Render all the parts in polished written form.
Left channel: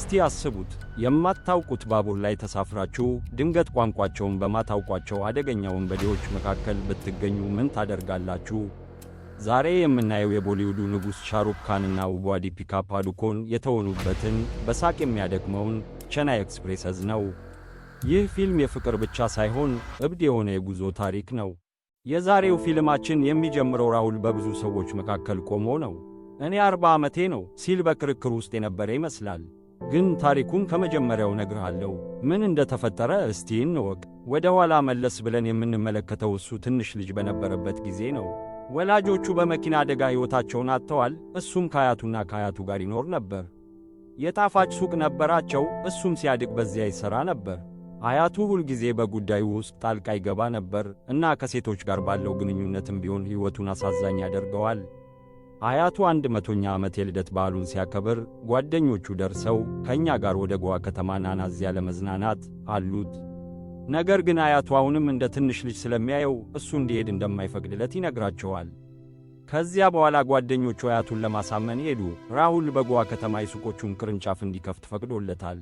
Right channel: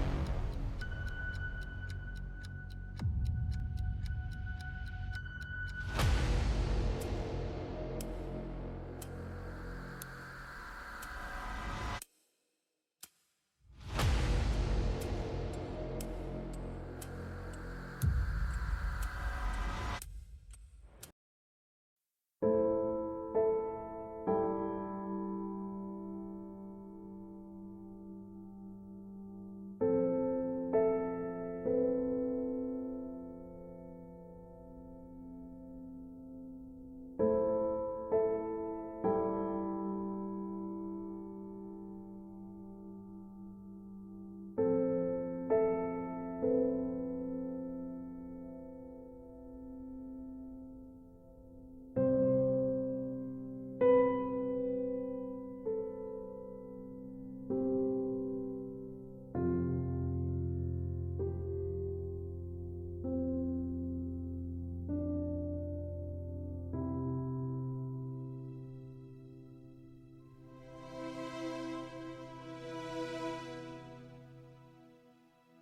እስቲ አስቡት፣ የማታውቁት ባቡር ላይ ተሳፍራችሁ ድንገት ቋንቋቸውን በማታውቋቸው አደገኛ ወንበዴዎች መካከል ብትገኙ ምን ታደርጋላችሁ? ዛሬ የምናየው የቦሊውዱ ንጉሥ ሻሩክ ካንና ውቧ ዲፒካ ፓዱኮን የተወኑበትን በሳቅ የሚያደክመውን ቼናይ ኤክስፕሬስዝ ነው። ይህ ፊልም የፍቅር ብቻ ሳይሆን እብድ የሆነ የጉዞ ታሪክ ነው። የዛሬው ፊልማችን የሚጀምረው ራሁል በብዙ ሰዎች መካከል ቆሞ ነው። እኔ 40 ዓመቴ ነው ሲል በክርክር ውስጥ የነበረ ይመስላል። ግን ታሪኩን ከመጀመሪያው ነግርሃለሁ። ምን እንደተፈጠረ እስቲ እንወቅ። ወደ ኋላ መለስ ብለን የምንመለከተው እሱ ትንሽ ልጅ በነበረበት ጊዜ ነው። ወላጆቹ በመኪና አደጋ ሕይወታቸውን አጥተዋል። እሱም ከአያቱና ከአያቱ ጋር ይኖር ነበር። የጣፋጭ ሱቅ ነበራቸው። እሱም ሲያድግ በዚያ ይሠራ ነበር። አያቱ ሁልጊዜ በጉዳዩ ውስጥ ጣልቃ ይገባ ነበር እና ከሴቶች ጋር ባለው ግንኙነትም ቢሆን ሕይወቱን አሳዛኝ ያደርገዋል። አያቱ 100ኛ ዓመት የልደት በዓሉን ሲያከብር ጓደኞቹ ደርሰው ከእኛ ጋር ወደ ጎዋ ከተማ ናና እዚያ ለመዝናናት አሉት። ነገር ግን አያቱ አሁንም እንደ ትንሽ ልጅ ስለሚያየው እሱ እንዲሄድ እንደማይፈቅድለት ይነግራቸዋል። ከዚያ በኋላ ጓደኞቹ አያቱን ለማሳመን ሄዱ። ራሁል በጎዋ ከተማ የሱቆቹን ቅርንጫፍ እንዲከፍት ፈቅዶለታል።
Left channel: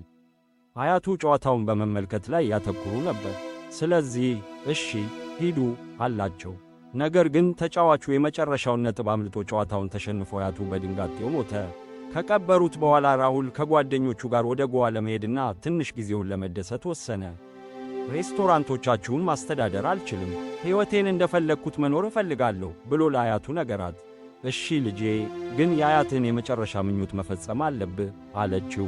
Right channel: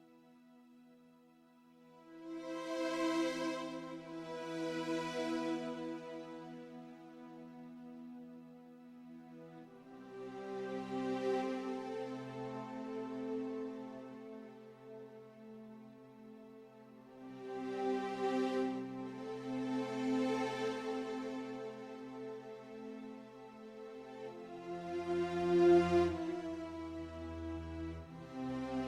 አያቱ ጨዋታውን በመመልከት ላይ ያተኩሩ ነበር። ስለዚህ እሺ ሂዱ አላቸው። ነገር ግን ተጫዋቹ የመጨረሻውን ነጥብ አምልጦ ጨዋታውን ተሸንፎ አያቱ በድንጋጤው ሞተ። ከቀበሩት በኋላ ራሁል ከጓደኞቹ ጋር ወደ ጎዋ ለመሄድና ትንሽ ጊዜውን ለመደሰት ወሰነ። ሬስቶራንቶቻችሁን ማስተዳደር አልችልም፣ ሕይወቴን እንደፈለግኩት መኖር እፈልጋለሁ ብሎ ለአያቱ ነገራት። እሺ ልጄ፣ ግን የአያትህን የመጨረሻ ምኞት መፈጸም አለብህ አለችው።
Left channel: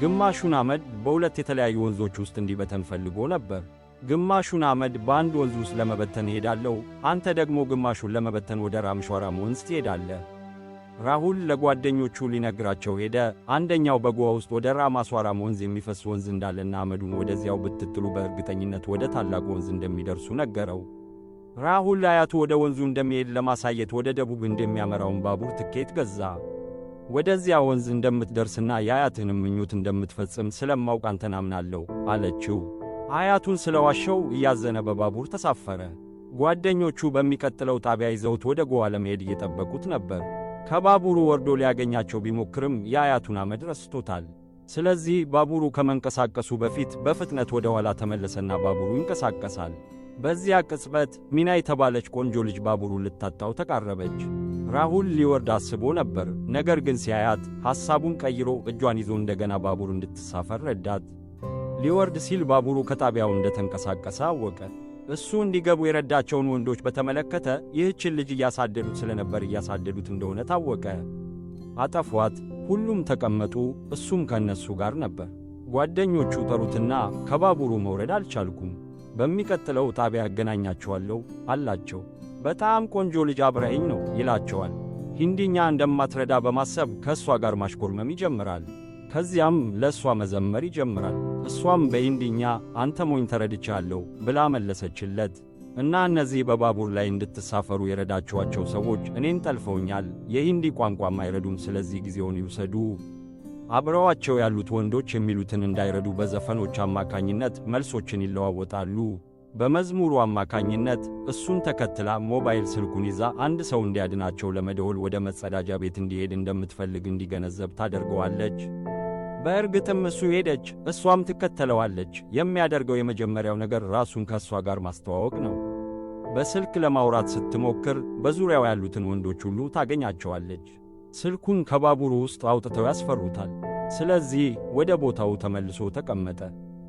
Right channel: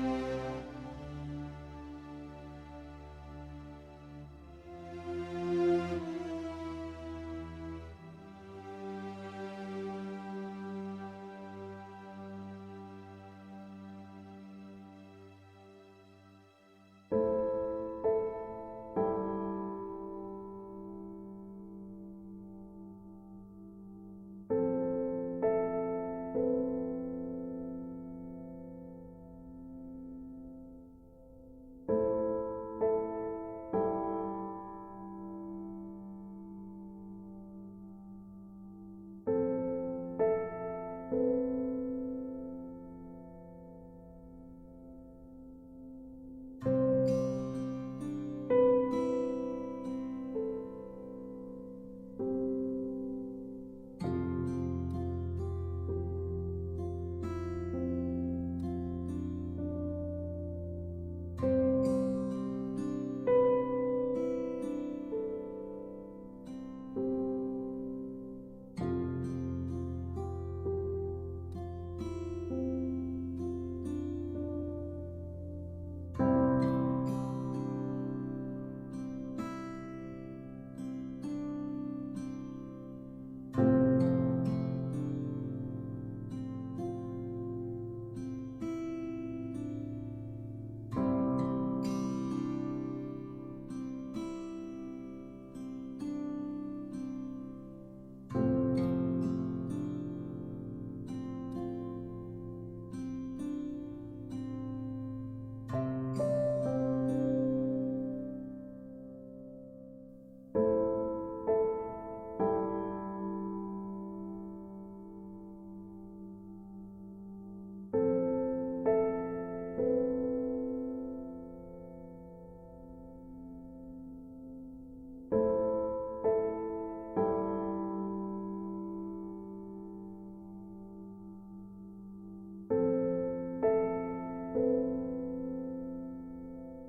ግማሹን አመድ በሁለት የተለያዩ ወንዞች ውስጥ እንዲበተን ፈልጎ ነበር። ግማሹን አመድ በአንድ ወንዝ ውስጥ ለመበተን እሄዳለሁ፣ አንተ ደግሞ ግማሹን ለመበተን ወደ ራምሿራም ወንዝ ትሄዳለህ። ራሁል ለጓደኞቹ ሊነግራቸው ሄደ። አንደኛው በጎዋ ውስጥ ወደ ራማስዋራም ወንዝ የሚፈስ ወንዝ እንዳለና አመዱን ወደዚያው ብትጥሉ በእርግጠኝነት ወደ ታላቁ ወንዝ እንደሚደርሱ ነገረው። ራሁል አያቱ ወደ ወንዙ እንደሚሄድ ለማሳየት ወደ ደቡብ እንደሚያመራውን ባቡር ትኬት ገዛ። ወደዚያ ወንዝ እንደምትደርስና የአያትህንም ምኞት እንደምትፈጽም ስለማውቅ አንተን አምናለሁ አለችው። አያቱን ስለዋሸው እያዘነ በባቡር ተሳፈረ። ጓደኞቹ በሚቀጥለው ጣቢያ ይዘውት ወደ ጎዋ ለመሄድ እየጠበቁት ነበር። ከባቡሩ ወርዶ ሊያገኛቸው ቢሞክርም የአያቱን አመድ ረስቶታል። ስለዚህ ባቡሩ ከመንቀሳቀሱ በፊት በፍጥነት ወደ ኋላ ተመለሰና ባቡሩ ይንቀሳቀሳል። በዚያ ቅጽበት ሚና የተባለች ቆንጆ ልጅ ባቡሩን ልታጣው ተቃረበች። ራሁል ሊወርድ አስቦ ነበር። ነገር ግን ሲያያት ሐሳቡን ቀይሮ እጇን ይዞ እንደገና ባቡር እንድትሳፈር ረዳት። ሊወርድ ሲል ባቡሩ ከጣቢያው እንደተንቀሳቀሰ አወቀ። እሱ እንዲገቡ የረዳቸውን ወንዶች በተመለከተ ይህችን ልጅ እያሳደዱት ስለነበር እያሳደዱት እንደሆነ ታወቀ። አጠፏት። ሁሉም ተቀመጡ። እሱም ከእነሱ ጋር ነበር። ጓደኞቹ ጠሩትና ከባቡሩ መውረድ አልቻልኩም፣ በሚቀጥለው ጣቢያ ያገናኛቸዋለሁ አላቸው። በጣም ቆንጆ ልጅ አብረኸኝ ነው ይላቸዋል። ሂንዲኛ እንደማትረዳ በማሰብ ከእሷ ጋር ማሽኮርመም ይጀምራል። ከዚያም ለእሷ መዘመር ይጀምራል። እሷም በሂንዲኛ አንተ ሞኝ ተረድቻለሁ ብላ መለሰችለት እና እነዚህ በባቡር ላይ እንድትሳፈሩ የረዳችኋቸው ሰዎች እኔን ጠልፈውኛል፣ የሂንዲ ቋንቋም አይረዱም፣ ስለዚህ ጊዜውን ይውሰዱ። አብረዋቸው ያሉት ወንዶች የሚሉትን እንዳይረዱ በዘፈኖች አማካኝነት መልሶችን ይለዋወጣሉ። በመዝሙሩ አማካኝነት እሱን ተከትላ ሞባይል ስልኩን ይዛ አንድ ሰው እንዲያድናቸው ለመደወል ወደ መጸዳጃ ቤት እንዲሄድ እንደምትፈልግ እንዲገነዘብ ታደርገዋለች። በእርግጥም እሱ ሄደች፣ እሷም ትከተለዋለች። የሚያደርገው የመጀመሪያው ነገር ራሱን ከእሷ ጋር ማስተዋወቅ ነው። በስልክ ለማውራት ስትሞክር በዙሪያው ያሉትን ወንዶች ሁሉ ታገኛቸዋለች። ስልኩን ከባቡሩ ውስጥ አውጥተው ያስፈሩታል። ስለዚህ ወደ ቦታው ተመልሶ ተቀመጠ።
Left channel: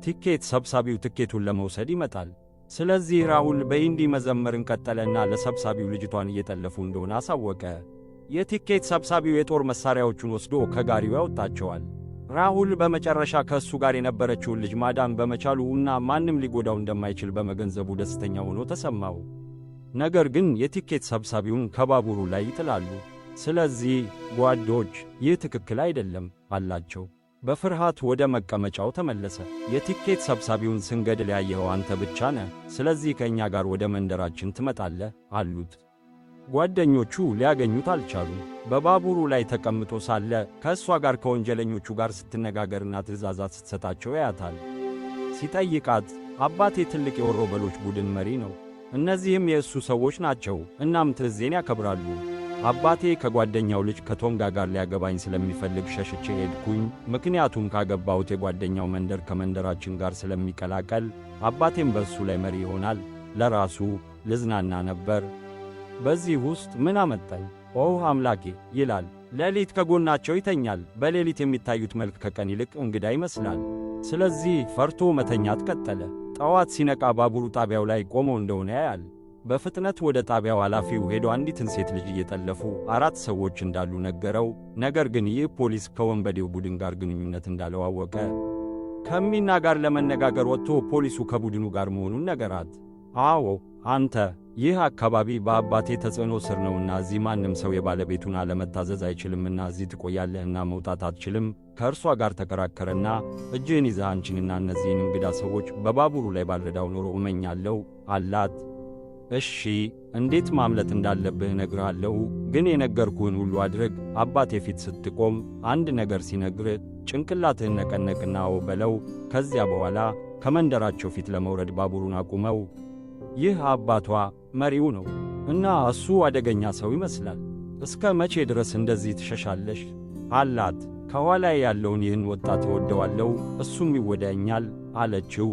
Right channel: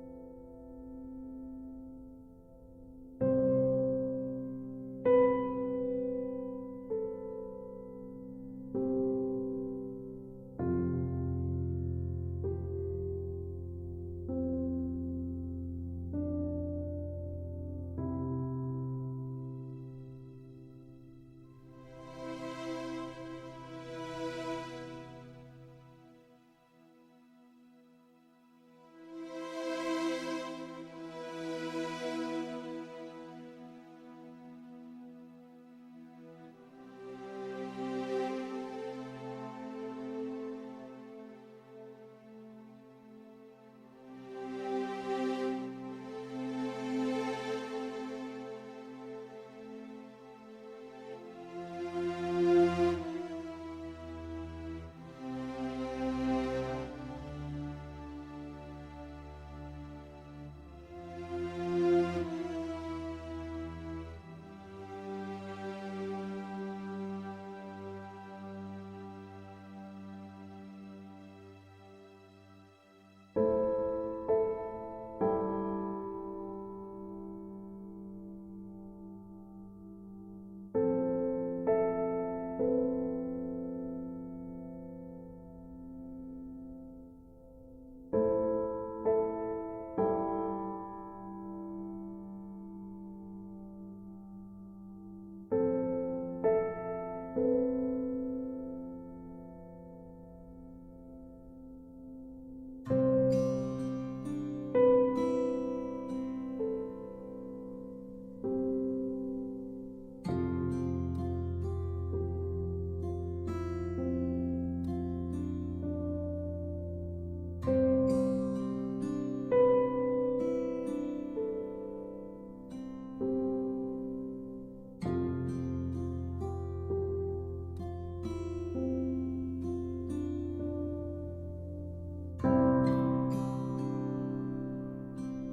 ቲኬት ሰብሳቢው ትኬቱን ለመውሰድ ይመጣል። ስለዚህ ራሁል በሂንዲ መዘመርን ቀጠለና ለሰብሳቢው ልጅቷን እየጠለፉ እንደሆነ አሳወቀ። የቲኬት ሰብሳቢው የጦር መሣሪያዎቹን ወስዶ ከጋሪው ያወጣቸዋል። ራሁል በመጨረሻ ከእሱ ጋር የነበረችውን ልጅ ማዳን በመቻሉ እና ማንም ሊጎዳው እንደማይችል በመገንዘቡ ደስተኛ ሆኖ ተሰማው። ነገር ግን የቲኬት ሰብሳቢውን ከባቡሩ ላይ ይጥላሉ። ስለዚህ ጓዶች ይህ ትክክል አይደለም አላቸው። በፍርሃት ወደ መቀመጫው ተመለሰ። የቲኬት ሰብሳቢውን ስንገድል ያየኸው አንተ ብቻ ነህ፣ ስለዚህ ከእኛ ጋር ወደ መንደራችን ትመጣለህ አሉት። ጓደኞቹ ሊያገኙት አልቻሉም። በባቡሩ ላይ ተቀምጦ ሳለ ከእሷ ጋር ከወንጀለኞቹ ጋር ስትነጋገርና ትእዛዛት ስትሰጣቸው ያያታል። ሲጠይቃት አባቴ ትልቅ የወሮበሎች ቡድን መሪ ነው፣ እነዚህም የእሱ ሰዎች ናቸው። እናም ትዕዛዜን ያከብራሉ። አባቴ ከጓደኛው ልጅ ከቶንጋ ጋር ሊያገባኝ ስለሚፈልግ ሸሽቼ ሄድኩኝ። ምክንያቱም ካገባሁት የጓደኛው መንደር ከመንደራችን ጋር ስለሚቀላቀል አባቴም በእሱ ላይ መሪ ይሆናል። ለራሱ ልዝናና ነበር። በዚህ ውስጥ ምን አመጣኝ? ኦህ አምላኬ ይላል። ሌሊት ከጎናቸው ይተኛል። በሌሊት የሚታዩት መልክ ከቀን ይልቅ እንግዳ ይመስላል። ስለዚህ ፈርቶ መተኛት ቀጠለ። ጠዋት ሲነቃ ባቡሩ ጣቢያው ላይ ቆሞ እንደሆነ ያያል። በፍጥነት ወደ ጣቢያው ኃላፊው ሄዶ አንዲትን ሴት ልጅ እየጠለፉ 4 ሰዎች እንዳሉ ነገረው። ነገር ግን ይህ ፖሊስ ከወንበዴው ቡድን ጋር ግንኙነት እንዳለው አወቀ። ከሚና ጋር ለመነጋገር ወጥቶ ፖሊሱ ከቡድኑ ጋር መሆኑን ነገራት። አዎ አንተ፣ ይህ አካባቢ በአባቴ ተጽዕኖ ስር ነውና እዚህ ማንም ሰው የባለቤቱን አለመታዘዝ አይችልምና እዚህ ትቆያለህና መውጣት አትችልም። ከእርሷ ጋር ተከራከረና እጅህን ይዘህ አንቺንና እነዚህን እንግዳ ሰዎች በባቡሩ ላይ ባልረዳው ኖሮ እመኛለሁ አላት። እሺ፣ እንዴት ማምለጥ እንዳለብህ እነግርሃለሁ፣ ግን የነገርኩህን ሁሉ አድርግ። አባቴ ፊት ስትቆም አንድ ነገር ሲነግርህ ጭንቅላትህን ነቀነቅና አዎ በለው። ከዚያ በኋላ ከመንደራቸው ፊት ለመውረድ ባቡሩን አቁመው። ይህ አባቷ መሪው ነው እና እሱ አደገኛ ሰው ይመስላል። እስከ መቼ ድረስ እንደዚህ ትሸሻለሽ? አላት። ከኋላ ያለውን ይህን ወጣት እወደዋለሁ፣ እሱም ይወደኛል አለችው።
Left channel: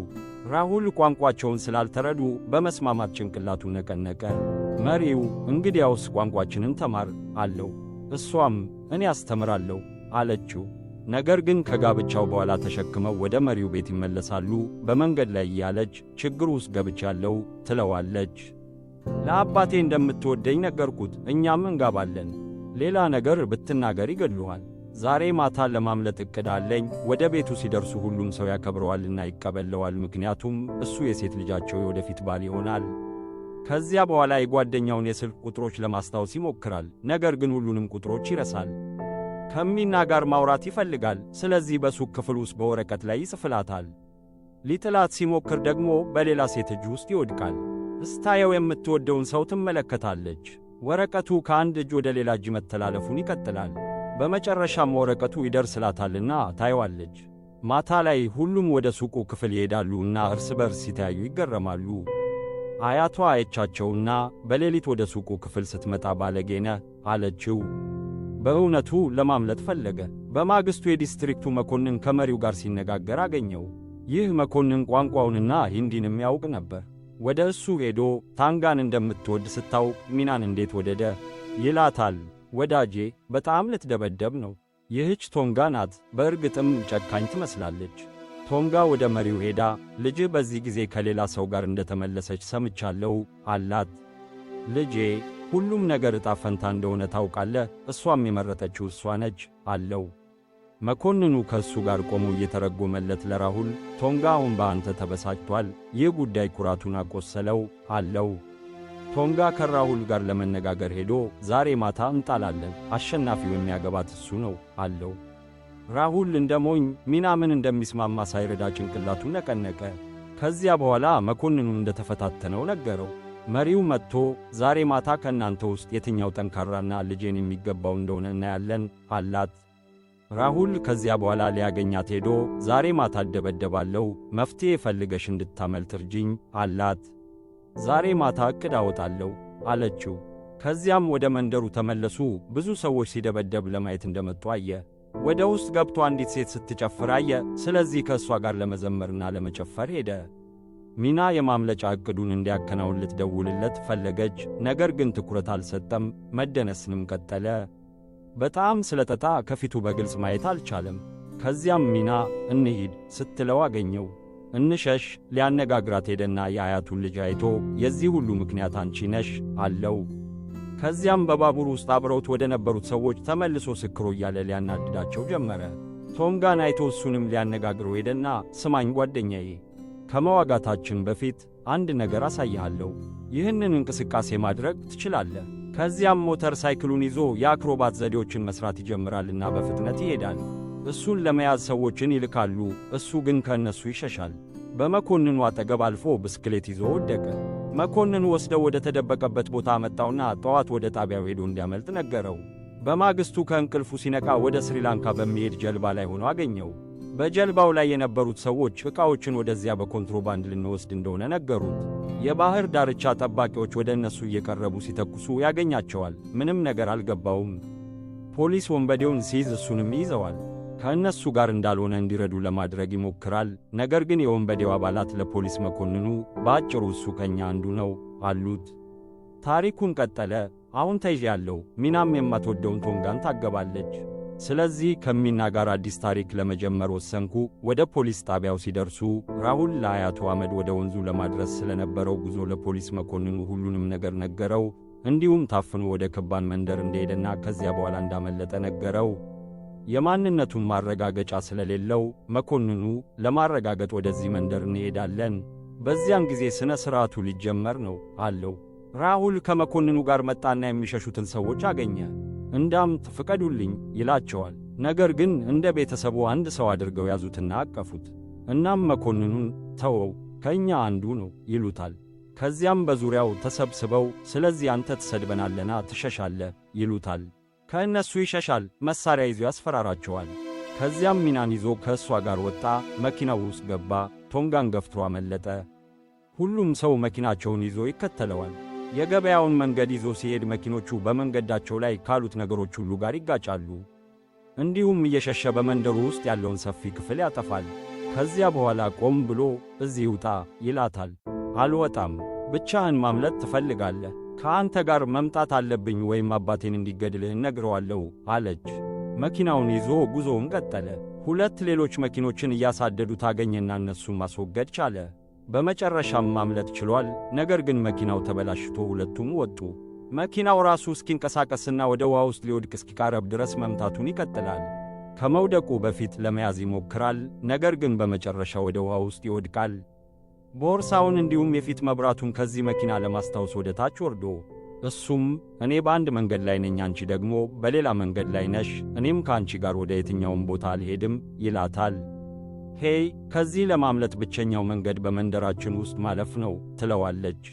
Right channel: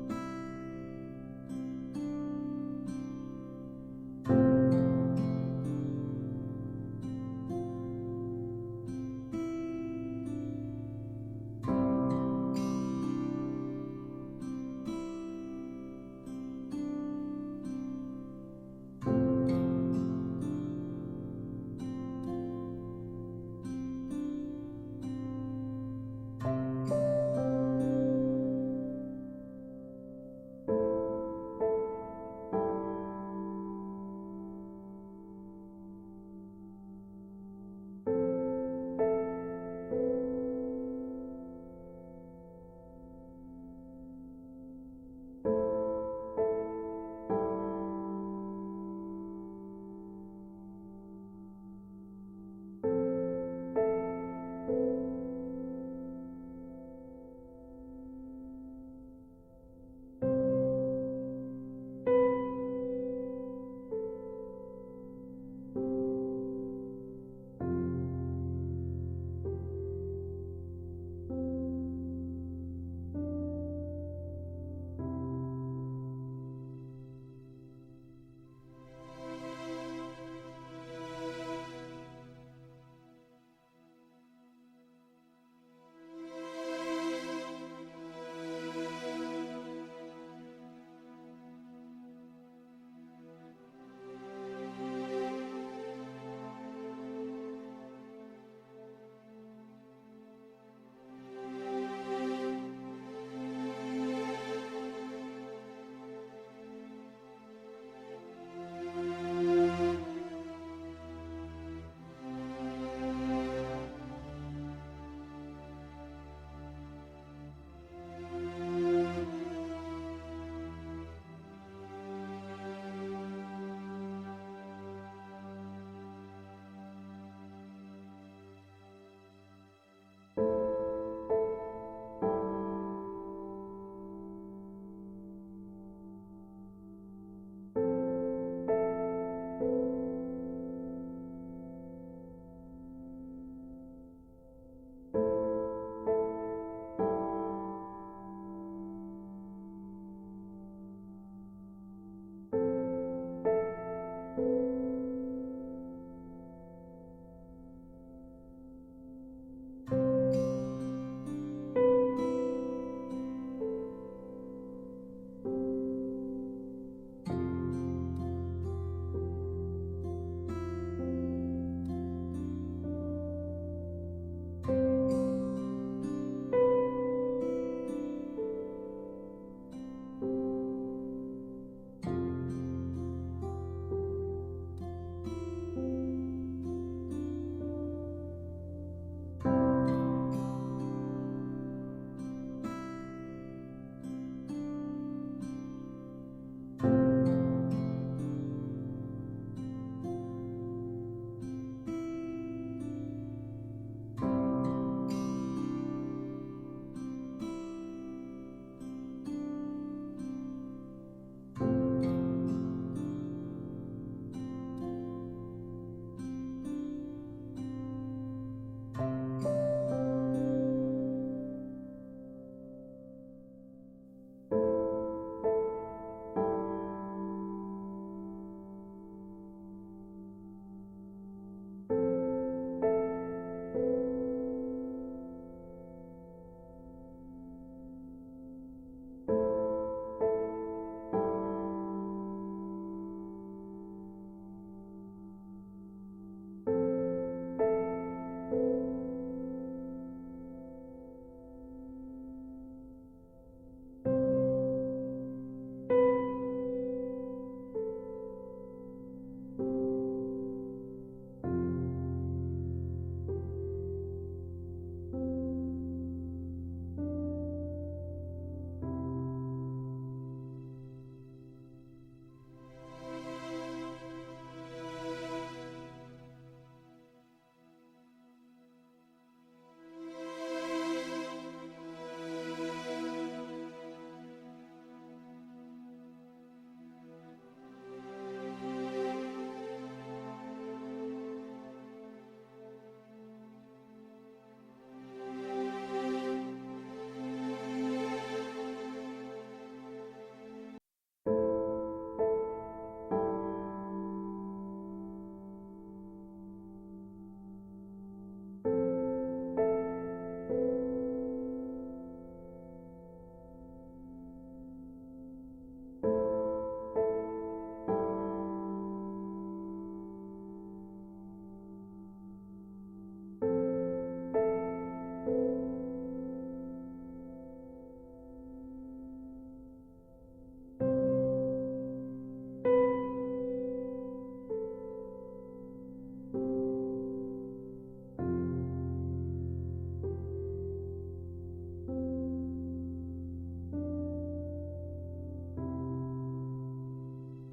ራሁል ቋንቋቸውን ስላልተረዱ በመስማማት ጭንቅላቱን ነቀነቀ። መሪው እንግዲያውስ ቋንቋችንን ተማር አለው። እሷም እኔ አስተምራለሁ አለችው። ነገር ግን ከጋብቻው በኋላ ተሸክመው ወደ መሪው ቤት ይመለሳሉ። በመንገድ ላይ እያለች ችግር ውስጥ ገብቻለሁ ትለዋለች። ለአባቴ እንደምትወደኝ ነገርኩት፣ እኛም እንጋባለን። ሌላ ነገር ብትናገር ይገድሉሃል። ዛሬ ማታ ለማምለጥ ዕቅድ አለኝ። ወደ ቤቱ ሲደርሱ ሁሉም ሰው ያከብረዋልና ይቀበለዋል፣ ምክንያቱም እሱ የሴት ልጃቸው የወደፊት ባል ይሆናል። ከዚያ በኋላ የጓደኛውን የስልክ ቁጥሮች ለማስታወስ ይሞክራል፣ ነገር ግን ሁሉንም ቁጥሮች ይረሳል። ከሚና ጋር ማውራት ይፈልጋል፣ ስለዚህ በሱቅ ክፍል ውስጥ በወረቀት ላይ ይጽፍላታል። ሊጥላት ሲሞክር ደግሞ በሌላ ሴት እጅ ውስጥ ይወድቃል። ስታየው የምትወደውን ሰው ትመለከታለች። ወረቀቱ ከአንድ እጅ ወደ ሌላ እጅ መተላለፉን ይቀጥላል። በመጨረሻም ወረቀቱ ይደርስላታልና ታየዋለች። ማታ ላይ ሁሉም ወደ ሱቁ ክፍል ይሄዳሉና እርስ በርስ ሲተያዩ ይገረማሉ። አያቷ አየቻቸውና በሌሊት ወደ ሱቁ ክፍል ስትመጣ ባለጌ ነህ አለችው። በእውነቱ ለማምለጥ ፈለገ። በማግስቱ የዲስትሪክቱ መኮንን ከመሪው ጋር ሲነጋገር አገኘው። ይህ መኮንን ቋንቋውንና ሂንዲንም ያውቅ ነበር። ወደ እሱ ሄዶ ታንጋን እንደምትወድ ስታውቅ ሚናን እንዴት ወደደ ይላታል። ወዳጄ በጣም ልትደበደብ ነው። ይህች ቶንጋ ናት። በእርግጥም ጨካኝ ትመስላለች። ቶንጋ ወደ መሪው ሄዳ ልጅህ በዚህ ጊዜ ከሌላ ሰው ጋር እንደተመለሰች ሰምቻለሁ አላት። ልጄ ሁሉም ነገር ዕጣ ፈንታ እንደሆነ ታውቃለህ፣ እሷም የመረጠችው እሷ ነች አለው። መኮንኑ ከእሱ ጋር ቆሞ እየተረጎመለት ለራሁል ቶንጋ አሁን በአንተ ተበሳጭቷል፣ ይህ ጉዳይ ኩራቱን አቆሰለው አለው። ቶንጋ ከራሁል ጋር ለመነጋገር ሄዶ ዛሬ ማታ እንጣላለን፣ አሸናፊው የሚያገባት እሱ ነው አለው። ራሁል እንደ ሞኝ ሚና ምን እንደሚስማማ ሳይረዳ ጭንቅላቱን ነቀነቀ። ከዚያ በኋላ መኮንኑን እንደተፈታተነው ነገረው። መሪው መጥቶ ዛሬ ማታ ከእናንተ ውስጥ የትኛው ጠንካራና ልጄን የሚገባው እንደሆነ እናያለን አላት። ራሁል ከዚያ በኋላ ሊያገኛት ሄዶ ዛሬ ማታ እደበደባለሁ፣ መፍትሔ ፈልገሽ እንድታመልጥ እርጂኝ አላት። ዛሬ ማታ ዕቅድ አወጣለሁ አለችው። ከዚያም ወደ መንደሩ ተመለሱ። ብዙ ሰዎች ሲደበደብ ለማየት እንደመጡ አየ። ወደ ውስጥ ገብቶ አንዲት ሴት ስትጨፍር አየ። ስለዚህ ከእሷ ጋር ለመዘመርና ለመጨፈር ሄደ። ሚና የማምለጫ ዕቅዱን እንዲያከናውን ልትደውልለት ፈለገች፣ ነገር ግን ትኩረት አልሰጠም። መደነስንም ቀጠለ። በጣም ስለጠጣ ከፊቱ በግልጽ ማየት አልቻለም። ከዚያም ሚና እንሂድ ስትለው አገኘው። እንሸሽ ሊያነጋግራት ሄደና የአያቱን ልጅ አይቶ የዚህ ሁሉ ምክንያት አንቺ ነሽ አለው። ከዚያም በባቡር ውስጥ አብረውት ወደ ነበሩት ሰዎች ተመልሶ ስክሮ እያለ ሊያናድዳቸው ጀመረ። ቶንጋን አይቶ እሱንም ሊያነጋግረው ሄደና ስማኝ ጓደኛዬ፣ ከመዋጋታችን በፊት አንድ ነገር አሳይሃለሁ። ይህንን እንቅስቃሴ ማድረግ ትችላለህ። ከዚያም ሞተር ሳይክሉን ይዞ የአክሮባት ዘዴዎችን መስራት ይጀምራልና በፍጥነት ይሄዳል። እሱን ለመያዝ ሰዎችን ይልካሉ፣ እሱ ግን ከእነሱ ይሸሻል። በመኮንኑ አጠገብ አልፎ ብስክሌት ይዞ ወደቀ። መኮንኑ ወስደው ወደ ተደበቀበት ቦታ አመጣውና ጠዋት ወደ ጣቢያው ሄዶ እንዲያመልጥ ነገረው። በማግስቱ ከእንቅልፉ ሲነቃ ወደ ስሪላንካ በሚሄድ ጀልባ ላይ ሆኖ አገኘው። በጀልባው ላይ የነበሩት ሰዎች ዕቃዎችን ወደዚያ በኮንትሮባንድ ልንወስድ እንደሆነ ነገሩት። የባህር ዳርቻ ጠባቂዎች ወደ እነሱ እየቀረቡ ሲተኩሱ ያገኛቸዋል። ምንም ነገር አልገባውም። ፖሊስ ወንበዴውን ሲይዝ እሱንም ይዘዋል። ከእነሱ ጋር እንዳልሆነ እንዲረዱ ለማድረግ ይሞክራል። ነገር ግን የወንበዴው አባላት ለፖሊስ መኮንኑ በአጭሩ እሱ ከኛ አንዱ ነው አሉት። ታሪኩን ቀጠለ። አሁን ተይዣለሁ። ሚናም የማትወደውን ቶንጋን ታገባለች። ስለዚህ ከሚና ጋር አዲስ ታሪክ ለመጀመር ወሰንኩ። ወደ ፖሊስ ጣቢያው ሲደርሱ ራሁል ለአያቱ አመድ ወደ ወንዙ ለማድረስ ስለነበረው ጉዞ ለፖሊስ መኮንኑ ሁሉንም ነገር ነገረው። እንዲሁም ታፍኖ ወደ ከባን መንደር እንደሄደና ከዚያ በኋላ እንዳመለጠ ነገረው። የማንነቱን ማረጋገጫ ስለሌለው መኮንኑ ለማረጋገጥ ወደዚህ መንደር እንሄዳለን፣ በዚያም ጊዜ ሥነ ሥርዓቱ ሊጀመር ነው አለው። ራሁል ከመኮንኑ ጋር መጣና የሚሸሹትን ሰዎች አገኘ። እንዳምጥ ፍቀዱልኝ ይላቸዋል። ነገር ግን እንደ ቤተሰቡ አንድ ሰው አድርገው ያዙትና አቀፉት። እናም መኮንኑን ተወው፣ ከእኛ አንዱ ነው ይሉታል። ከዚያም በዙሪያው ተሰብስበው ስለዚህ አንተ ትሰድበናለና ትሸሻለህ ይሉታል። ከእነሱ ይሸሻል። መሣሪያ ይዞ ያስፈራራቸዋል። ከዚያም ሚናን ይዞ ከእሷ ጋር ወጣ። መኪናው ውስጥ ገባ። ቶንጋን ገፍትሮ አመለጠ። ሁሉም ሰው መኪናቸውን ይዞ ይከተለዋል። የገበያውን መንገድ ይዞ ሲሄድ መኪኖቹ በመንገዳቸው ላይ ካሉት ነገሮች ሁሉ ጋር ይጋጫሉ። እንዲሁም እየሸሸ በመንደሩ ውስጥ ያለውን ሰፊ ክፍል ያጠፋል። ከዚያ በኋላ ቆም ብሎ እዚህ ውጣ ይላታል። አልወጣም። ብቻህን ማምለጥ ትፈልጋለህ? ከአንተ ጋር መምጣት አለብኝ ወይም አባቴን እንዲገድልህ እነግረዋለሁ አለች። መኪናውን ይዞ ጉዞውን ቀጠለ። ሁለት ሌሎች መኪኖችን እያሳደዱት አገኘና እነሱን ማስወገድ ቻለ። በመጨረሻም ማምለጥ ችሏል። ነገር ግን መኪናው ተበላሽቶ ሁለቱም ወጡ። መኪናው ራሱ እስኪንቀሳቀስና ወደ ውሃ ውስጥ ሊወድቅ እስኪቃረብ ድረስ መምታቱን ይቀጥላል። ከመውደቁ በፊት ለመያዝ ይሞክራል። ነገር ግን በመጨረሻ ወደ ውሃ ውስጥ ይወድቃል። ቦርሳውን እንዲሁም የፊት መብራቱን ከዚህ መኪና ለማስታወስ ወደ ታች ወርዶ እሱም እኔ በአንድ መንገድ ላይ ነኝ፣ አንቺ ደግሞ በሌላ መንገድ ላይ ነሽ፣ እኔም ከአንቺ ጋር ወደ የትኛውም ቦታ አልሄድም ይላታል። ሄይ፣ ከዚህ ለማምለጥ ብቸኛው መንገድ በመንደራችን ውስጥ ማለፍ ነው ትለዋለች።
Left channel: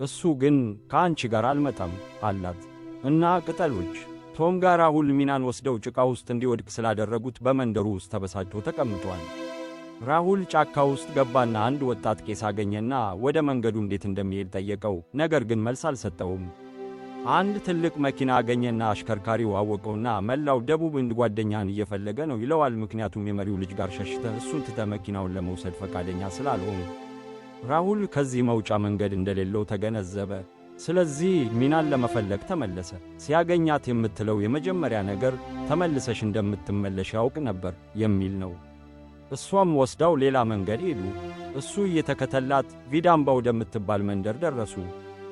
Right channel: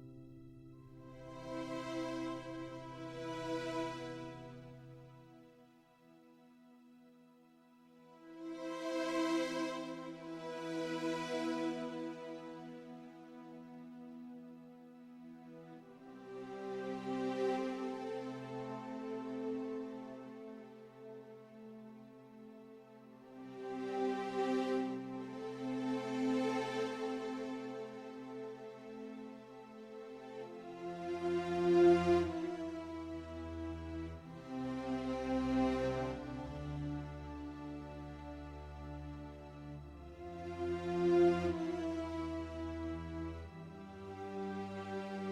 እሱ ግን ከአንቺ ጋር አልመጣም አላት። እና ቅጠሎች ቶንጋ ራሁል ሚናን ወስደው ጭቃ ውስጥ እንዲወድቅ ስላደረጉት በመንደሩ ውስጥ ተበሳጭቶ ተቀምጧል። ራሁል ጫካ ውስጥ ገባና አንድ ወጣት ቄስ አገኘና ወደ መንገዱ እንዴት እንደሚሄድ ጠየቀው። ነገር ግን መልስ አልሰጠውም። አንድ ትልቅ መኪና አገኘና አሽከርካሪው አወቀውና መላው ደቡብ እንድ ጓደኛን እየፈለገ ነው ይለዋል። ምክንያቱም የመሪው ልጅ ጋር ሸሽተህ እሱን ትተህ መኪናውን ለመውሰድ ፈቃደኛ ስላልሆነ። ራሁል ከዚህ መውጫ መንገድ እንደሌለው ተገነዘበ። ስለዚህ ሚናን ለመፈለግ ተመለሰ። ሲያገኛት የምትለው የመጀመሪያ ነገር ተመልሰሽ እንደምትመለሽ ያውቅ ነበር የሚል ነው። እሷም ወስዳው ሌላ መንገድ ሄዱ። እሱ እየተከተላት ቪዳምባ ወደምትባል መንደር ደረሱ።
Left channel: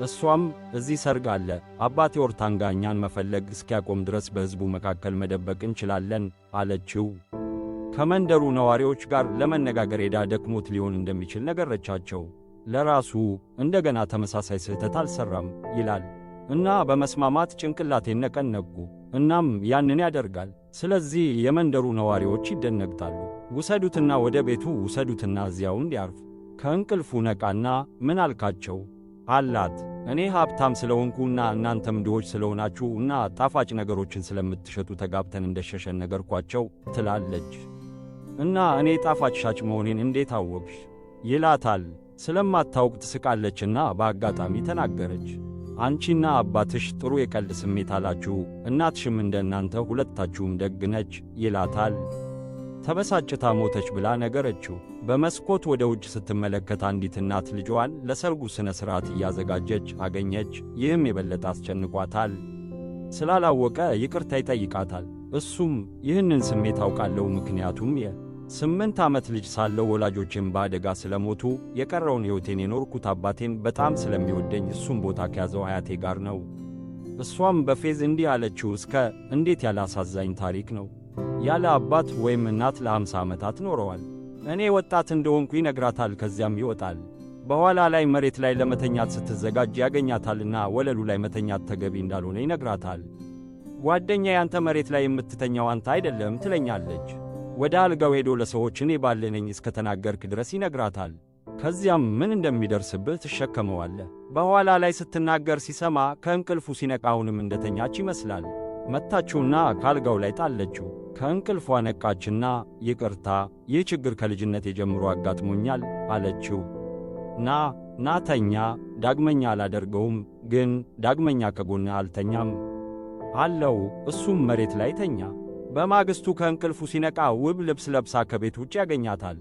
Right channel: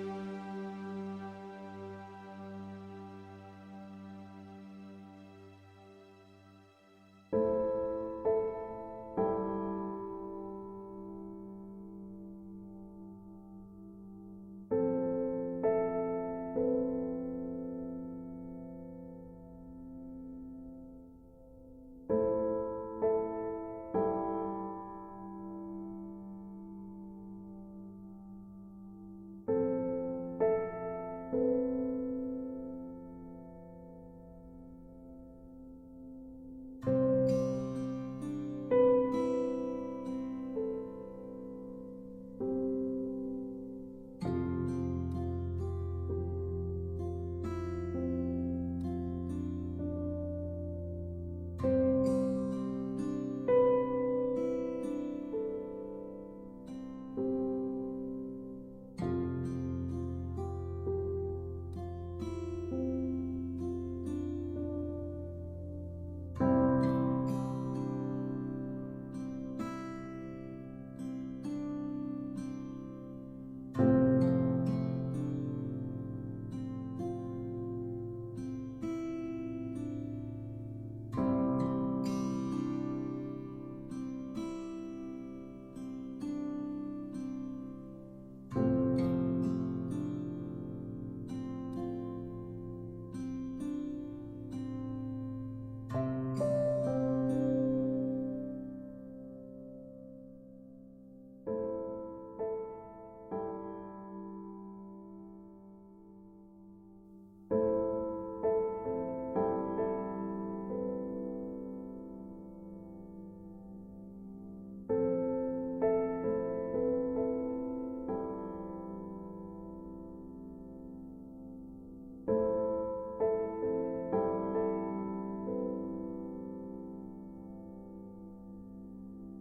እሷም እዚህ ሰርግ አለ፣ አባቴ ኦርታንጋ እኛን መፈለግ እስኪያቆም ድረስ በሕዝቡ መካከል መደበቅ እንችላለን አለችው። ከመንደሩ ነዋሪዎች ጋር ለመነጋገር ሄዳ ደክሞት ሊሆን እንደሚችል ነገረቻቸው። ለራሱ እንደገና ተመሳሳይ ስህተት አልሠራም ይላል እና በመስማማት ጭንቅላቴን ነቀነቁ። እናም ያንን ያደርጋል። ስለዚህ የመንደሩ ነዋሪዎች ይደነግጣሉ። ውሰዱትና ወደ ቤቱ ውሰዱትና እዚያው እንዲያርፍ። ከእንቅልፉ ነቃና ምን አልካቸው አላት። እኔ ሀብታም ስለሆንኩና እናንተም ድሆች ስለሆናችሁና ጣፋጭ ነገሮችን ስለምትሸጡ ተጋብተን እንደሸሸን ነገርኳቸው ትላለች። እና እኔ ጣፋጭ ሻጭ መሆኔን እንዴት አወቅሽ ይላታል። ስለማታውቅ ትስቃለችና በአጋጣሚ ተናገረች። አንቺና አባትሽ ጥሩ የቀልድ ስሜት አላችሁ፣ እናትሽም እንደ እናንተ ሁለታችሁም ደግ ነች ይላታል። ተበሳጭታ ሞተች ብላ ነገረችው። በመስኮት ወደ ውጭ ስትመለከት አንዲት እናት ልጇን ለሰርጉ ሥነ ሥርዓት እያዘጋጀች አገኘች። ይህም የበለጠ አስጨንቋታል። ስላላወቀ ይቅርታ ይጠይቃታል። እሱም ይህንን ስሜት አውቃለሁ፣ ምክንያቱም የ8 ዓመት ልጅ ሳለው ወላጆቼም በአደጋ ስለሞቱ የቀረውን ሕይወቴን የኖርኩት አባቴን በጣም ስለሚወደኝ እሱም ቦታ ከያዘው አያቴ ጋር ነው። እሷም በፌዝ እንዲህ አለችው፣ እስከ እንዴት ያለ አሳዛኝ ታሪክ ነው! ያለ አባት ወይም እናት ለ50 ዓመታት ኖረዋል። እኔ ወጣት እንደሆንኩ ይነግራታል። ከዚያም ይወጣል። በኋላ ላይ መሬት ላይ ለመተኛት ስትዘጋጅ ያገኛታልና ወለሉ ላይ መተኛት ተገቢ እንዳልሆነ ይነግራታል። ጓደኛ ያንተ መሬት ላይ የምትተኛው አንተ አይደለም ትለኛለች። ወደ አልጋው ሄዶ ለሰዎች እኔ ባለነኝ እስከ ተናገርክ ድረስ ይነግራታል። ከዚያም ምን እንደሚደርስብህ ትሸከመዋለህ። በኋላ ላይ ስትናገር ሲሰማ ከእንቅልፉ ሲነቃ አሁንም እንደተኛች ይመስላል። መታችውና ካልጋው ላይ ጣለችው። ከእንቅልፏ ነቃችና ይቅርታ፣ ይህ ችግር ከልጅነቴ ጀምሮ አጋጥሞኛል አለችው። ናተኛ፣ ዳግመኛ አላደርገውም፣ ግን ዳግመኛ ከጎንህ አልተኛም አለው። እሱም መሬት ላይ ተኛ። በማግስቱ ከእንቅልፉ ሲነቃ ውብ ልብስ ለብሳ ከቤት ውጭ ያገኛታል።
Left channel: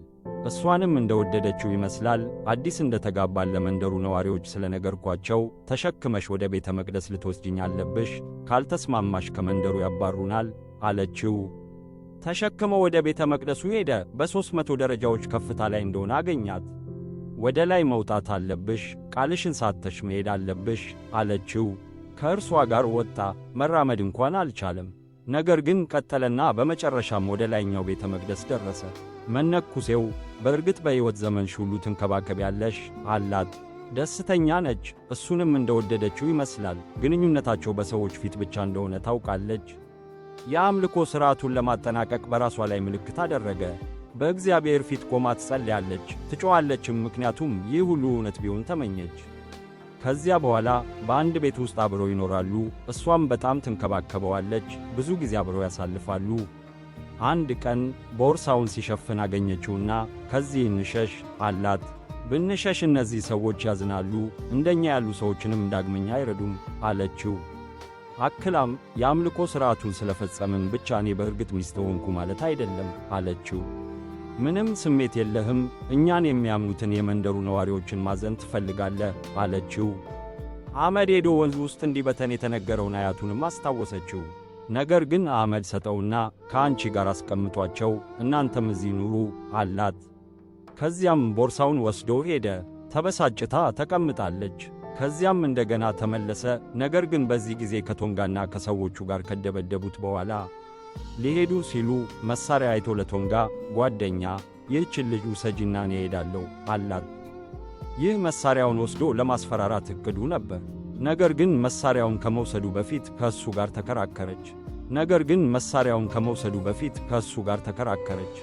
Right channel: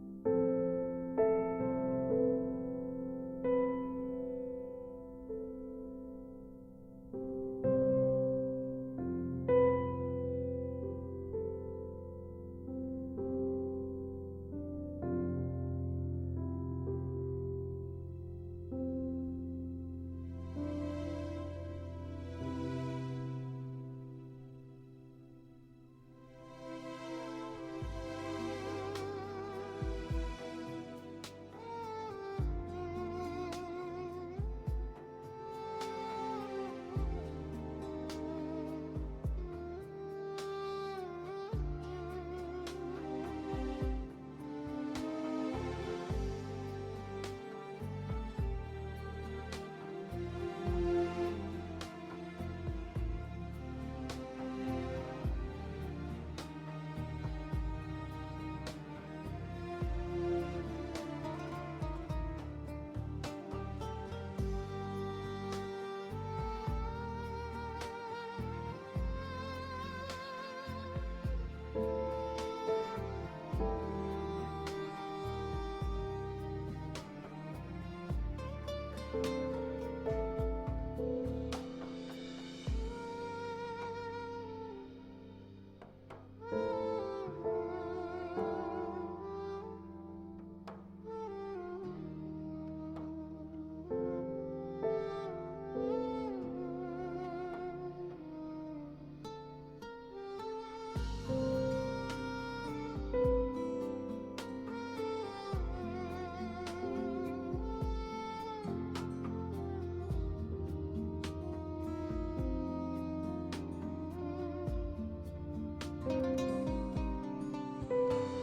እሷንም እንደወደደችው ይመስላል። አዲስ እንደተጋባን ለመንደሩ ነዋሪዎች ስለነገርኳቸው ተሸክመሽ ወደ ቤተ መቅደስ ልትወስጂኝ አለብሽ፣ ካልተስማማሽ ከመንደሩ ያባሩናል አለችው። ተሸክመው ወደ ቤተ መቅደሱ ሄደ። በ300 ደረጃዎች ከፍታ ላይ እንደሆነ አገኛት። ወደ ላይ መውጣት አለብሽ፣ ቃልሽን ሳተሽ መሄድ አለብሽ አለችው። ከእርሷ ጋር ወጣ። መራመድ እንኳን አልቻለም። ነገር ግን ቀጠለና በመጨረሻም ወደ ላይኛው ቤተ መቅደስ ደረሰ። መነኩሴው በእርግጥ በሕይወት ዘመንሽ ሁሉ ትንከባከቢያለሽ አላት። ደስተኛ ነች። እሱንም እንደወደደችው ይመስላል። ግንኙነታቸው በሰዎች ፊት ብቻ እንደሆነ ታውቃለች። የአምልኮ ሥርዓቱን ለማጠናቀቅ በራሷ ላይ ምልክት አደረገ። በእግዚአብሔር ፊት ቆማ ትጸልያለች፣ ትጮኻለችም፣ ምክንያቱም ይህ ሁሉ እውነት ቢሆን ተመኘች። ከዚያ በኋላ በአንድ ቤት ውስጥ አብረው ይኖራሉ። እሷም በጣም ትንከባከበዋለች። ብዙ ጊዜ አብረው ያሳልፋሉ። አንድ ቀን ቦርሳውን ሲሸፍን አገኘችውና ከዚህ እንሸሽ አላት። ብንሸሽ እነዚህ ሰዎች ያዝናሉ፣ እንደኛ ያሉ ሰዎችንም ዳግመኛ አይረዱም አለችው። አክላም የአምልኮ ሥርዓቱን ስለፈጸምን ብቻ እኔ በእርግጥ ሚስት ሆንኩ ማለት አይደለም አለችው። ምንም ስሜት የለህም፣ እኛን የሚያምኑትን የመንደሩ ነዋሪዎችን ማዘን ትፈልጋለህ አለችው። አመድ ሄዶ ወንዝ ውስጥ እንዲበተን የተነገረውን አያቱንም አስታወሰችው። ነገር ግን አመድ ሰጠውና ከአንቺ ጋር አስቀምጧቸው፣ እናንተም እዚህ ኑሩ አላት። ከዚያም ቦርሳውን ወስዶ ሄደ። ተበሳጭታ ተቀምጣለች። ከዚያም እንደገና ተመለሰ። ነገር ግን በዚህ ጊዜ ከቶንጋና ከሰዎቹ ጋር ከደበደቡት በኋላ ሊሄዱ ሲሉ መሳሪያ አይቶ ለቶንጋ ጓደኛ፣ ይህችን ልጅ ውሰጂና እኔ እሄዳለሁ አላት። ይህ መሳሪያውን ወስዶ ለማስፈራራት እቅዱ ነበር። ነገር ግን መሳሪያውን ከመውሰዱ በፊት ከእሱ ጋር ተከራከረች።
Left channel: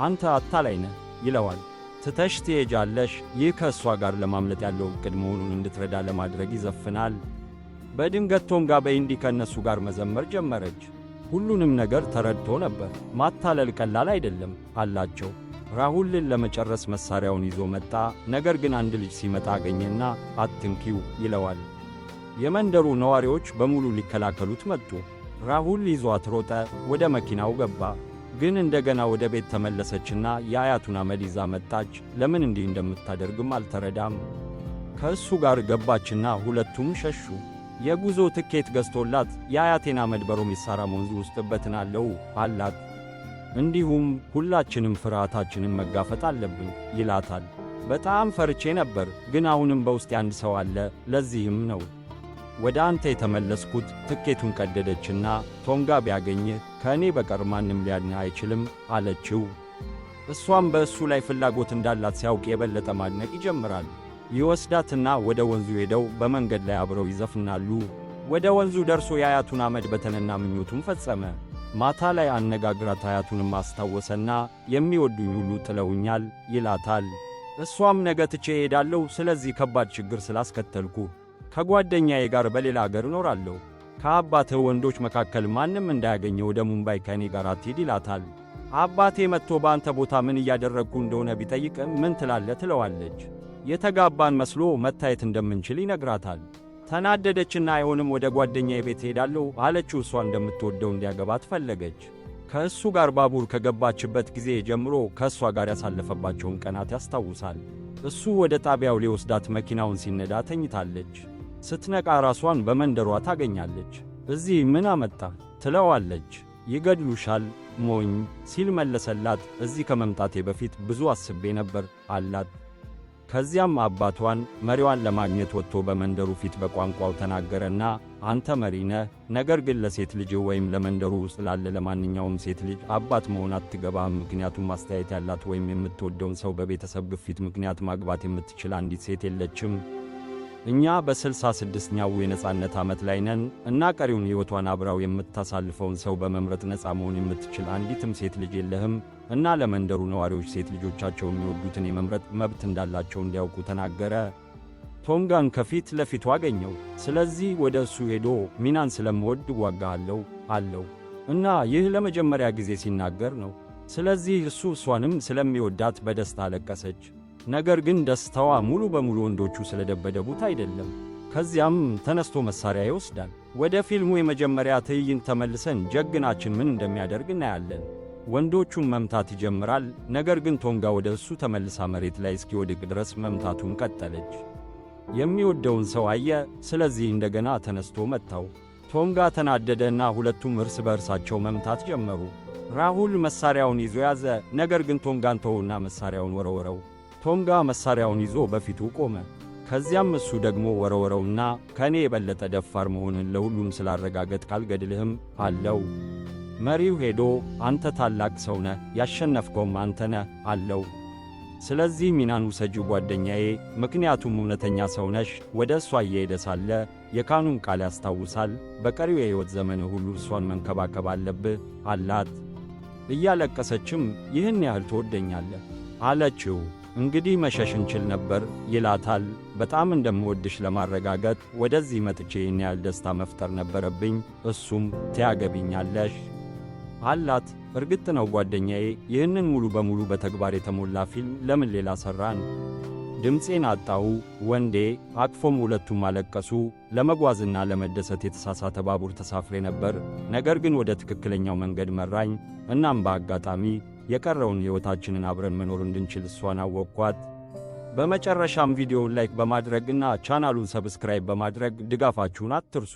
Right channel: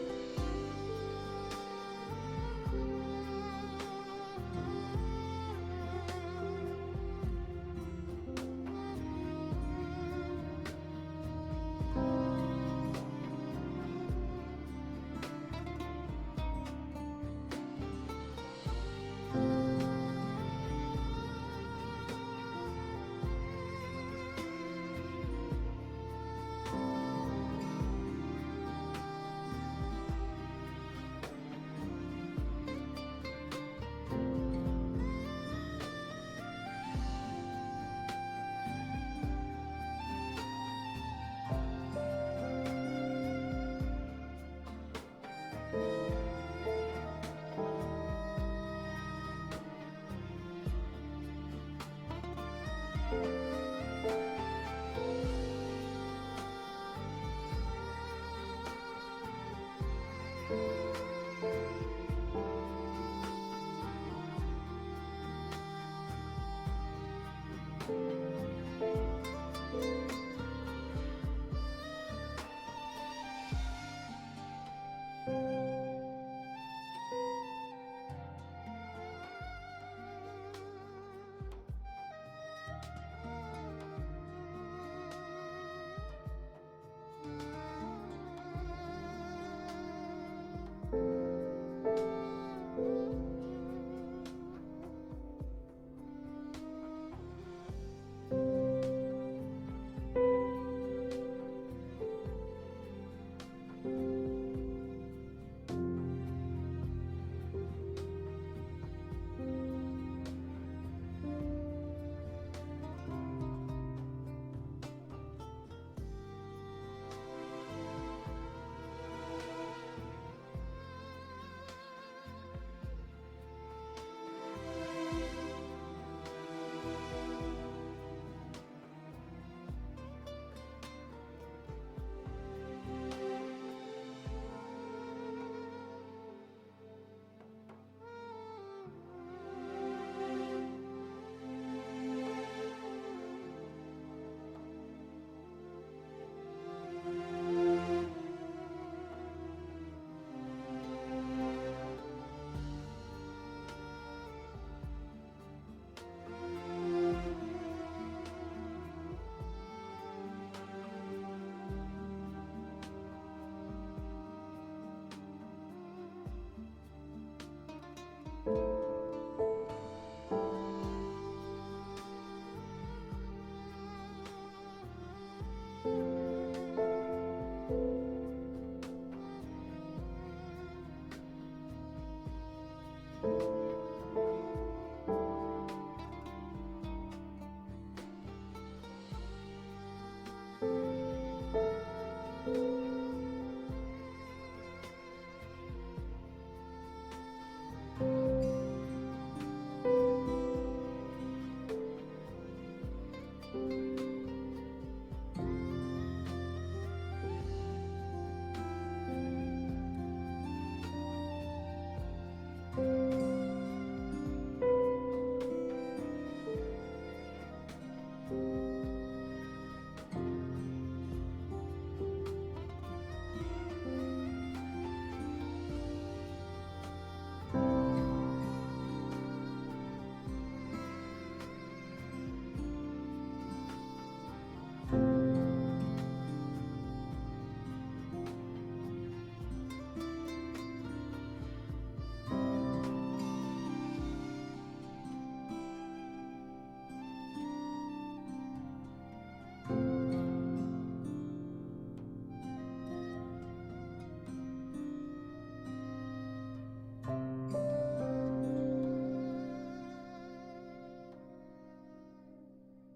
አንተ አታላይ ነህ ይለዋል። ትተሽ ትሄጃለሽ። ይህ ከእሷ ጋር ለማምለጥ ያለው ዕቅድ መሆኑን እንድትረዳ ለማድረግ ይዘፍናል። በድንገት ቶንጋ በኢንዲ ከእነሱ ጋር መዘመር ጀመረች። ሁሉንም ነገር ተረድቶ ነበር። ማታለል ቀላል አይደለም አላቸው። ራሁልን ለመጨረስ መሳሪያውን ይዞ መጣ። ነገር ግን አንድ ልጅ ሲመጣ አገኘና አትንኪው ይለዋል። የመንደሩ ነዋሪዎች በሙሉ ሊከላከሉት መጡ። ራሁል ይዟት ሮጠ። ወደ መኪናው ገባ። ግን እንደገና ወደ ቤት ተመለሰችና የአያቱን አመድ ይዛ መጣች። ለምን እንዲህ እንደምታደርግም አልተረዳም። ከእሱ ጋር ገባችና ሁለቱም ሸሹ። የጉዞ ትኬት ገዝቶላት የአያቴን አመድ በሮሜሳራ ወንዝ ውስጥ እበትናለሁ አላት። እንዲሁም ሁላችንም ፍርሃታችንን መጋፈጥ አለብን ይላታል። በጣም ፈርቼ ነበር፣ ግን አሁንም በውስጥ አንድ ሰው አለ። ለዚህም ነው ወደ አንተ የተመለስኩት። ትኬቱን ቀደደችና ቶንጋ ቢያገኝህ ከእኔ በቀር ማንም ሊያድንህ አይችልም አለችው። እሷም በእሱ ላይ ፍላጎት እንዳላት ሲያውቅ የበለጠ ማድነቅ ይጀምራል። ይወስዳትና ወደ ወንዙ ሄደው በመንገድ ላይ አብረው ይዘፍናሉ። ወደ ወንዙ ደርሶ የአያቱን አመድ በተነና ምኞቱን ፈጸመ። ማታ ላይ አነጋግራት አያቱንም አስታወሰና የሚወዱኝ ሁሉ ጥለውኛል ይላታል። እሷም ነገ ትቼ እሄዳለሁ፣ ስለዚህ ከባድ ችግር ስላስከተልኩ ከጓደኛዬ ጋር በሌላ አገር እኖራለሁ። ከአባትህ ወንዶች መካከል ማንም እንዳያገኘ ወደ ሙምባይ ከእኔ ጋር አትሂድ ይላታል። አባቴ መጥቶ በአንተ ቦታ ምን እያደረግኩ እንደሆነ ቢጠይቅም ምን ትላለህ ትለዋለች። የተጋባን መስሎ መታየት እንደምንችል ይነግራታል። ተናደደችና አይሆንም ወደ ጓደኛዬ ቤት ሄዳለሁ አለችው። እሷ እንደምትወደው እንዲያገባት ፈለገች። ከእሱ ጋር ባቡር ከገባችበት ጊዜ ጀምሮ ከእሷ ጋር ያሳለፈባቸውን ቀናት ያስታውሳል። እሱ ወደ ጣቢያው ሊወስዳት መኪናውን ሲነዳ ተኝታለች። ስትነቃ ራሷን በመንደሯ ታገኛለች። እዚህ ምን አመጣ ትለዋለች። ይገድሉሻል ሞኝ ሲል መለሰላት። እዚህ ከመምጣቴ በፊት ብዙ አስቤ ነበር አላት። ከዚያም አባቷን መሪዋን ለማግኘት ወጥቶ በመንደሩ ፊት በቋንቋው ተናገረና አንተ መሪ ነህ፣ ነገር ግን ለሴት ልጅ ወይም ለመንደሩ ውስጥ ላለ ለማንኛውም ሴት ልጅ አባት መሆን አትገባም። ምክንያቱም ማስተያየት ያላት ወይም የምትወደውን ሰው በቤተሰብ ግፊት ምክንያት ማግባት የምትችል አንዲት ሴት የለችም። እኛ በ66ኛው የነጻነት ዓመት ላይ ነን እና ቀሪውን ሕይወቷን አብራው የምታሳልፈውን ሰው በመምረጥ ነጻ መሆን የምትችል አንዲትም ሴት ልጅ የለህም እና ለመንደሩ ነዋሪዎች ሴት ልጆቻቸው የሚወዱትን የመምረጥ መብት እንዳላቸው እንዲያውቁ ተናገረ። ቶንጋን ከፊት ለፊቱ አገኘው። ስለዚህ ወደ እሱ ሄዶ ሚናን ስለምወድ እዋጋሃለሁ አለው። እና ይህ ለመጀመሪያ ጊዜ ሲናገር ነው። ስለዚህ እሷንም ስለሚወዳት በደስታ አለቀሰች። ነገር ግን ደስታዋ ሙሉ በሙሉ ወንዶቹ ስለደበደቡት አይደለም። ከዚያም ተነስቶ መሳሪያ ይወስዳል። ወደ ፊልሙ የመጀመሪያ ትዕይንት ተመልሰን ጀግናችን ምን እንደሚያደርግ እናያለን። ወንዶቹን መምታት ይጀምራል። ነገር ግን ቶንጋ ወደ እሱ ተመልሳ መሬት ላይ እስኪወድቅ ድረስ መምታቱን ቀጠለች። የሚወደውን ሰው አየ። ስለዚህ እንደገና ተነስቶ መታው። ቶንጋ ተናደደና ሁለቱም እርስ በእርሳቸው መምታት ጀመሩ። ራሁል መሳሪያውን ይዞ ያዘ። ነገር ግን ቶንጋን ተወውና መሳሪያውን ወረወረው። ቶንጋ መሳሪያውን ይዞ በፊቱ ቆመ። ከዚያም እሱ ደግሞ ወረወረውና ከእኔ የበለጠ ደፋር መሆንን ለሁሉም ስላረጋገጥክ አልገድልህም አለው። መሪው ሄዶ አንተ ታላቅ ሰው ነህ፣ ያሸነፍከውም አንተ ነህ አለው። ስለዚህ ሚናን ውሰጂ ጓደኛዬ፣ ምክንያቱም እውነተኛ ሰው ነሽ። ወደ እሷ እየሄደ ሳለ የካኑን ቃል ያስታውሳል። በቀሪው የሕይወት ዘመንህ ሁሉ እሷን መንከባከብ አለብህ አላት። እያለቀሰችም ይህን ያህል ትወደኛለህ አለችው። እንግዲህ መሸሽ እንችል ነበር ይላታል። በጣም እንደምወድሽ ለማረጋገጥ ወደዚህ መጥቼ ይህን ያህል ደስታ መፍጠር ነበረብኝ። እሱም ትያገቢኛለሽ አላት። እርግጥ ነው ጓደኛዬ፣ ይህንን ሙሉ በሙሉ በተግባር የተሞላ ፊልም ለምን ሌላ ሠራን? ድምፄን አጣሁ ወንዴ። አቅፎም ሁለቱም አለቀሱ። ለመጓዝና ለመደሰት የተሳሳተ ባቡር ተሳፍሬ ነበር፣ ነገር ግን ወደ ትክክለኛው መንገድ መራኝ። እናም በአጋጣሚ የቀረውን ሕይወታችንን አብረን መኖር እንድንችል እሷን አወቅኳት። በመጨረሻም ቪዲዮውን ላይክ በማድረግና ቻናሉን ሰብስክራይብ በማድረግ ድጋፋችሁን አትርሱ።